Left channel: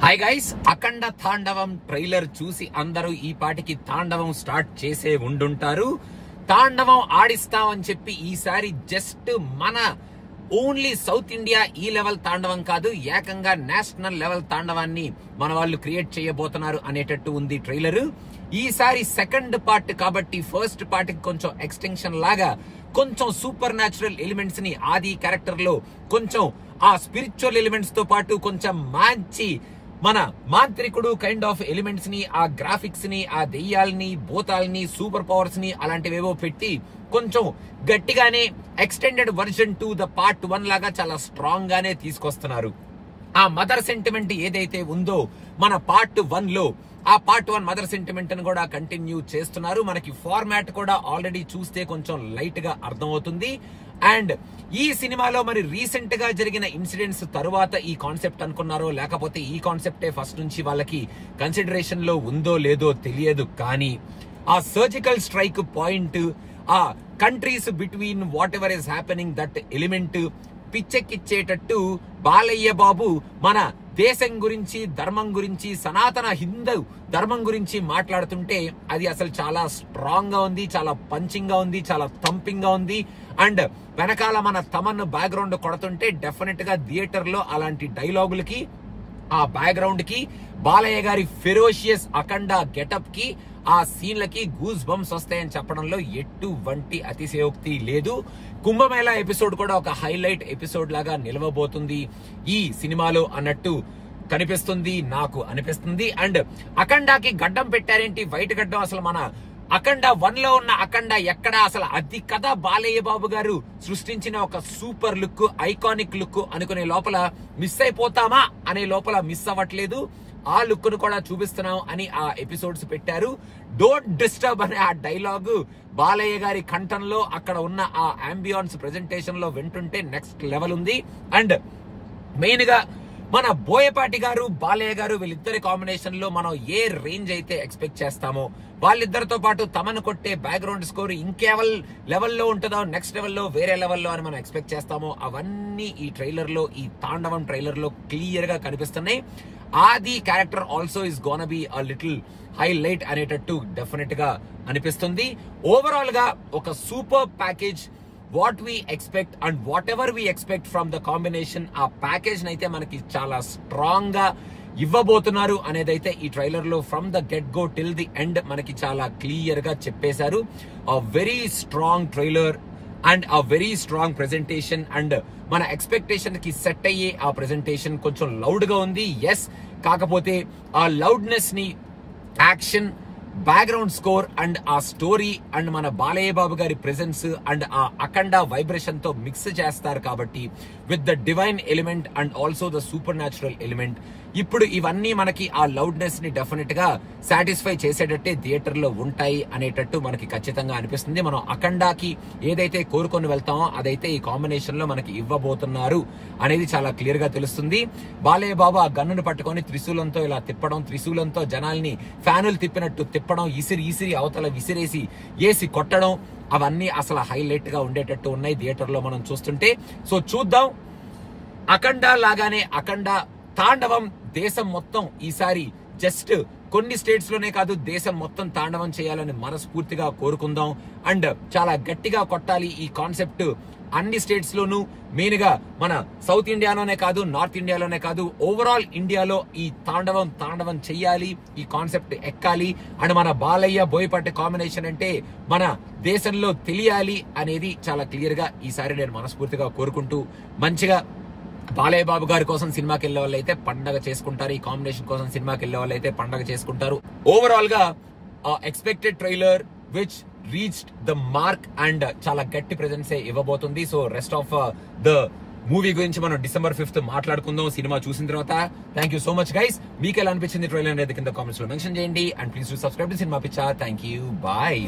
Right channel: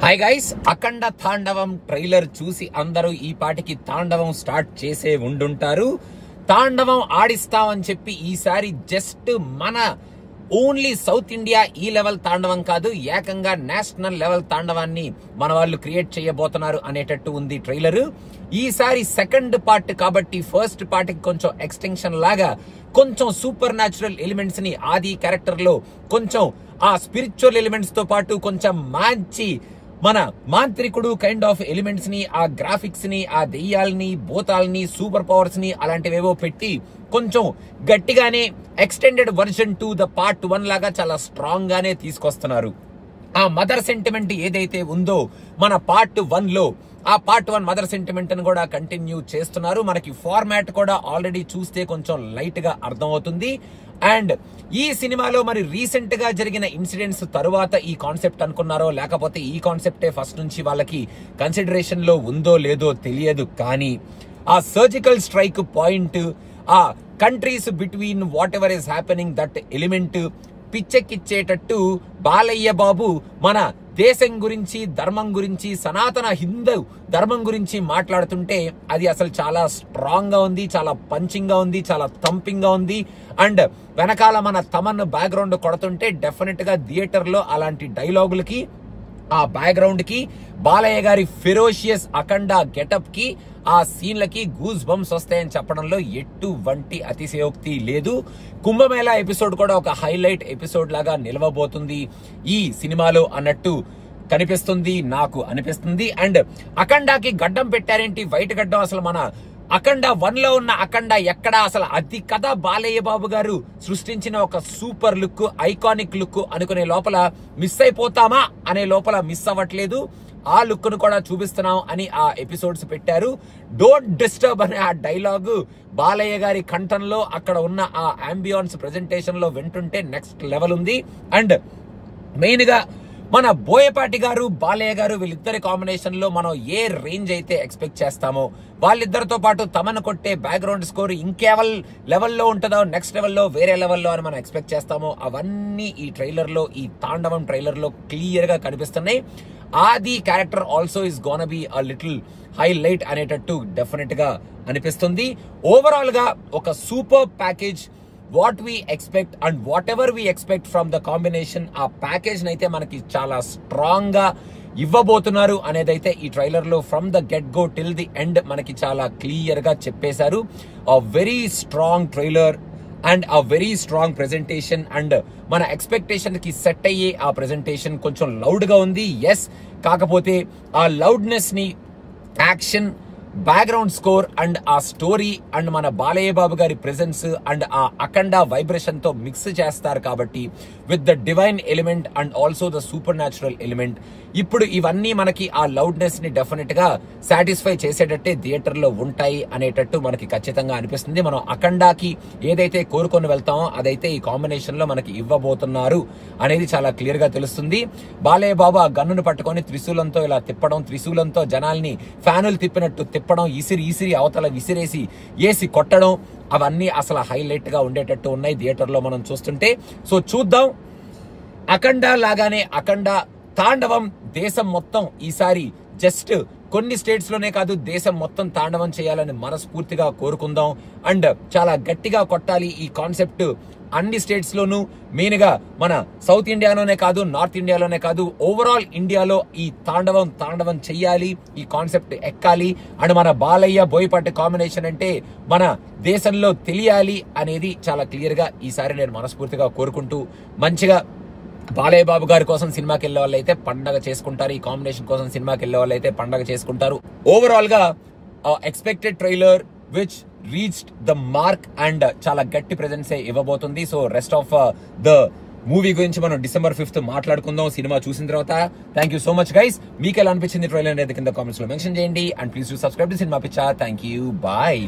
Hi guys, అఖండ తాండవం trailer చూసి అందరూ ఈ పాటికి తాండవం స్టార్ట్ చేసే ఉండుంటారు. తాండవం ఆడిస్తామని చెప్పి ఈసారి జస్ట్ మన ఓన్లీ సౌత్ ఇండియా ఈ లెవెల్ తాండవం కాదు, ఏకంగా నేషనల్ లెవెల్ తాండవాన్ని మన వాళ్ళు క్రియేట్ చేయబోతున్నారు అనేటట్టు ఉంది ట్రైలర్. ఈసారి సెకండ్ పార్ట్ కాబట్టి ఫస్ట్ పార్ట్ కి కొంచెం ఎక్స్టెన్షన్ లాగా కొంచెం సూపర్ న్యాచురల్ ఎలిమెంట్స్ ని ఆది క్యారెక్టర్ లో కొంచెం ఆ స్పిరిచువల్ ఎలిమెంట్స్ తో పాటు కొంచెం మంచి మన మాంత్రికుడు కైండ్ ఆఫ్ ఎలిమెంట్స్ ని, ఆ గ్రాఫిక్స్ ని, ఆ దెయ్యాల్ని, భూతాల్ని, సూపర్ పవర్స్ ని అలాంటివేవో పెట్టి కొంచెం గట్టిగానే extended version to the part 1 లాగా చాలా స్ట్రాంగ్ గానే తీసుకొస్తున్నారు. ఆ మదర్ సెంటిమెంట్ ఏదైతే ఉందో మన పార్ట్ 1 లో, ఆ పార్ట్ 1 మదర్ సెంటిమెంట్ ని కూడా కంటిన్యూ చేస్తున్నారు. మనకి ఫార్మాట్ కూడా ఆల్రెడీ చూస్తే కొంచెం లైట్ గా అర్థమవుతుంది. అండ్ ఈ సినిమాలో మరి రీసెంట్ గా జరిగిన ఇన్సిడెంట్స్ తరువాత ఈ కాన్సెప్ట్ అనుకున్నారో లేకపోతే ఈ కాన్సెప్టే ఫస్ట్ నుంచి వాళ్ళకి కన్సిడరేషన్ లో ఉందో లేదో తెలియదు, కానీ ఆ సర్జికల్ స్ట్రైక్ పాయింట్, ఆ countries between whatever is happening that element పిచ్చెక్కిచ్చేటట్టు బాలయ్య బాబు మన దేశం గురించి, ధర్మం గురించి, సనాతన హిందూ ధర్మం గురించి మాట్లాడుతుంటే అది అసలు చాలా స్ట్రాంగ్ గా ఉంది, చాలా పంచింగ్ గా ఉంది, చాలా థంపింగ్ గా ఉంది. అండ్ వెనకాల మన తమన్ బ్యాక్గ్రౌండ్ కొడుతుంటే డెఫినెట్ గా థియేటర్ లో అలాంటి డైలాగులకి, ఆ బ్యాక్గ్రౌండ్ కి, బాలయ్య గారి ఫెరోషియస్ అఖండ గెటప్ కి, ఆ సీన్లకి గూస్ బంప్స్ వస్తాయని చెప్పడంలో ఎటువంటి అతిశయోక్తి లేదు. కుంభమేళా ఎపిసోడ్ కూడా ఒక హైలైట్ ఎపిసోడ్ లాగా నిలవబోతుంది ఈ సినిమాలో అన్నట్టు కనిపిస్తుంది, నాకు అనిపిస్తుంది. అండ్ అఖండాకి గడ్డం పెట్టారేంటి, వైట్ గడ్డం? అసలు మన అఖండ 1 లో ఉన్న అఖండ ఎక్కడ? అసలు అది కదా బాలయ్య బాబు గారు సృష్టించిన ఒక సూపర్ లుక్, ఐకానిక్ లుక్ అనుకునే లోపల మిస్ అయిపోతామా అనే లోపల మిస్ అవ్వట్లేదు. ఆ లుక్ ను కూడా చూపిస్తున్నాం అని ఆ ఎపిసోడ్స్ పెట్టారు. డోంట్ డిస్టర్బ్ అనే ఆ డైలాగ్ బాలయ్య గారి కంఠంలో అక్కడ ఉన్న ఆ అంబియాన్స్ ప్రెజెంటేషన్ లో వింటుంటే నెక్స్ట్ లెవెల్ ఉంది. అండ్ మెయిన్ గా మన బోయపాటి గారు, బాలయ్య గారు వీళ్ళిద్దరి కాంబినేషన్ లో మనం ఏ రేంజ్ అయితే ఎక్స్పెక్ట్ చేస్తామో, వాళ్ళిద్దరితో పాటు తమను కొట్టే బ్యాక్గ్రౌండ్ స్కోర్ ఇంకేవల్ లెవెల్లో ఉంటుందో, నెక్స్ట్ లెవెల్లో వేరే లెవెల్లో అని మనం ఎక్స్పెక్ట్ చేస్తామో అవన్నీ ఈ ట్రైలర్ లో, ఈ తాండవం ట్రైలర్ లో క్లియర్ గా కనిపిస్తున్నాయి. Aadi character also is gonna be a little highlight అనేటట్టు డెఫినెట్ గా అనిపిస్తుంది. ఓవరాల్ గా ఒక super package, what we expect and whatever we expect from the combination, ఆ ప్యాకేజ్ నైతే మనకి చాలా స్ట్రాంగ్ గా ఇవ్వబోతున్నారు అనేదైతే ఈ ట్రైలర్ లో from the get go till the end మనకి చాలా క్లియర్ గా చెప్పేశారు. A very strong trailer and a very strong presentation. And మన ఎక్స్పెక్టేషన్ కి సెట్ అయ్యే ఆ ప్రెజెంటేషన్ కొంచెం లౌడ్ గా ఉంది, ఎస్. కాకపోతే ఆ లౌడ్నెస్ ని యాక్షన్, బ్యాక్గ్రౌండ్ స్కోర్ అండ్ ఆ స్టోరీ అండ్ మన బాలయ్య బాబు గారి ప్రెజెన్స్ అండ్ ఆ అఖండ వైబ్రేషన్ తో మిక్స్ చేస్తారు కాబట్టి with the divine element and also the super natural element, ఇప్పుడు ఇవన్నీ మనకి ఆ లౌడ్నెస్ ని డెఫినెట్ గా సాటిస్ఫై చేసేటట్టే థియేటర్ లో ఉంటాయి అనేటట్టు మనకి ఖచ్చితంగా అనిపిస్తుంది. మనం అఖండాకి ఏదైతే కోరుకొని వెళ్తామో అదైతే ఈ కాంబినేషన్ లో మనకి ఇవ్వబోతున్నారు అనేది చాలా క్లియర్ గా తెలుస్తుంది. బాలయ్య బాబు ఆ గన్నును పట్టుకొని త్రిశూలంతో ఇలా తిప్పడం, త్రిశూలంతో జనాల్ని ఫ్యానులు తిప్పినట్టు తిప్పడం, ఇసిరి అవతల విసిరేసి ఏసి కొట్టడం, అవన్నీ అసలు హైలైట్ గా ఉండేటట్టు ఉన్నాయి థియేటర్ లో మనం చూస్తుంటే. సో చూద్దాం. అఖండ లాగానే అఖండ తాండవం దేశం మొత్తం ఈసారి జస్ట్ కొన్ని స్టేట్స్ లోనే కాదు, దేశం మొత్తం తాండవం చేయాలని మనస్ఫూర్తిగా కోరుకుందాం. అండ్ చాలా గట్టిగా కొట్టాలి ఈ కాన్సెప్ట్ అన్ని స్టేట్స్ లోనూ, మెయిన్ గా మన సౌత్ ఇండియాలోనే కాదు, నార్త్ ఇండియాలోనే కాదు, ఓవరాల్ ఇండియాలో ఈ తాండవం చెయ్యాలి, ఈ కాన్సెప్ట్ ఎక్కాలి. అండ్ మన బాలయ్య బోయపాటి కాంబినేషన్ అంటే మన దేశంలో తెలియాలి అనేది చాలా క్లియర్ గా ఈసారి నేను మనస్ఫూర్తిగా కోరుకుంటూ, మంచిగా బాలయ్య బాబు గారి కోసం సినిమాకి వెళ్లే వాళ్ళు అయితే పండగ చేసుకుంటారు, ఈ కాంబినేషన్ కోసం సినిమాకి వెళ్లే వాళ్ళు అయితే పండగ చేసుకుంటారు. ఓవరాల్ గా expected trailer which reached the mark and చాలా గట్టి ప్రెజెన్స్ ఇవ్వబోతుంది. So rest of the movie గురించి మనం December 5th మాట్లాడుకుందాం సినిమా చూసిన తర్వాత. Thank you so much guys. మీకు ఎలా అనిపించింది ట్రైలర్ అనేది కింద కామెంట్స్ లో మెన్షన్ చేయండి. And please do subscribe to Cinema Piccha. Thank you, bye.